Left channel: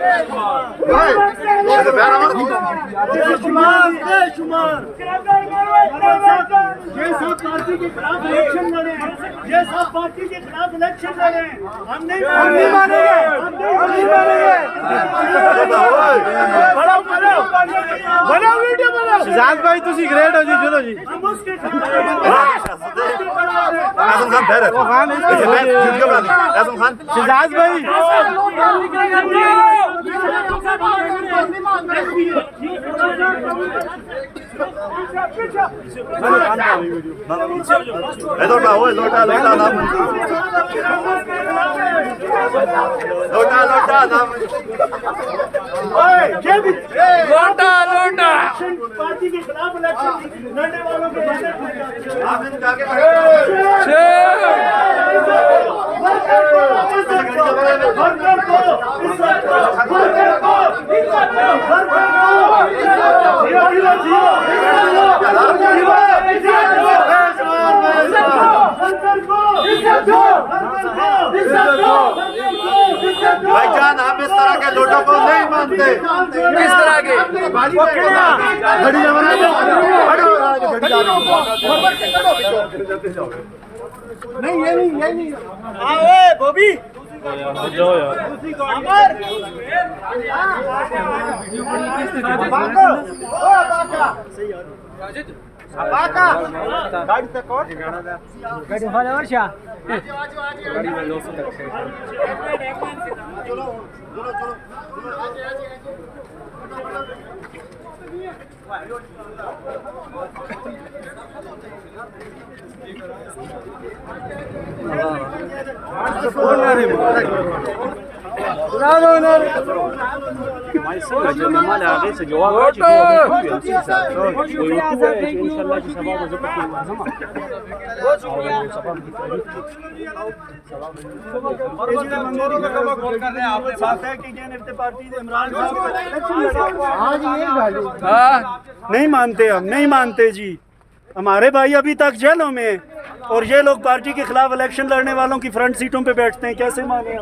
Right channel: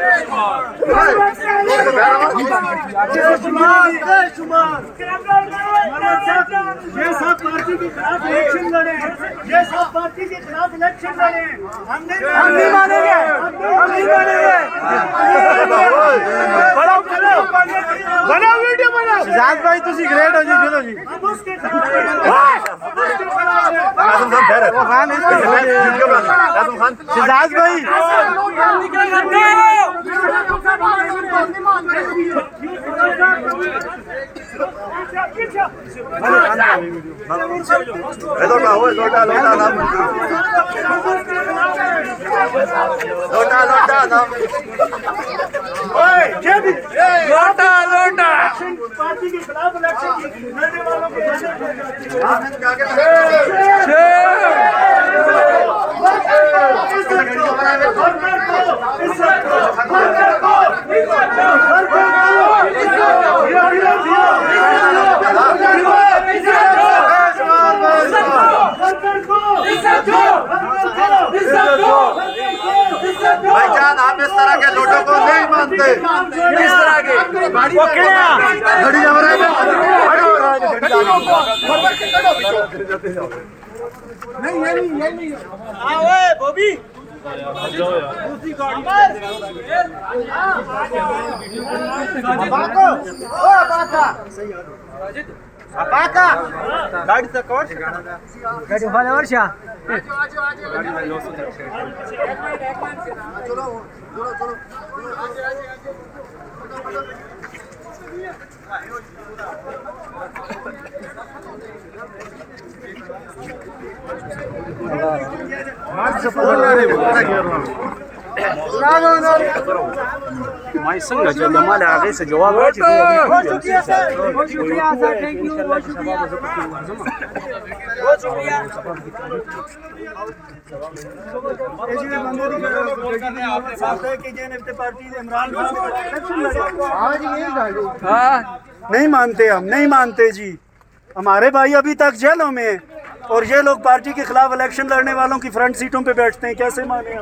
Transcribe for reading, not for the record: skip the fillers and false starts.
ये सब पार्टी के खिलाफ इलेक्शन लड़े, ये सब पार्टी के खिलाफ इलेक्शन लड़े, हम नहीं मानेंगे, हम नहीं मानेंगे। बनाओ वीडियो बनाओ। शहजाद भाई तुसी ग्रेट हो जी, चलो जी। हम उसके शहजाद भाई पार्टी के खिलाफ इलेक्शन लड़ने वालों के भाईजान, आप इस तरह के लोगों को नहीं मानते। इस तरह के नहीं, ये नहीं बॉबी गाडी वाले वर्षा नहीं मानते, हम नहीं मानते जी। हमारे भाई अभी तक जेलों में, और ये लोग पार्टी के खिलाफ इलेक्शन लड़ने वालों की फ्रंट सीटों पे बैठते हैं, कैसे माने हम।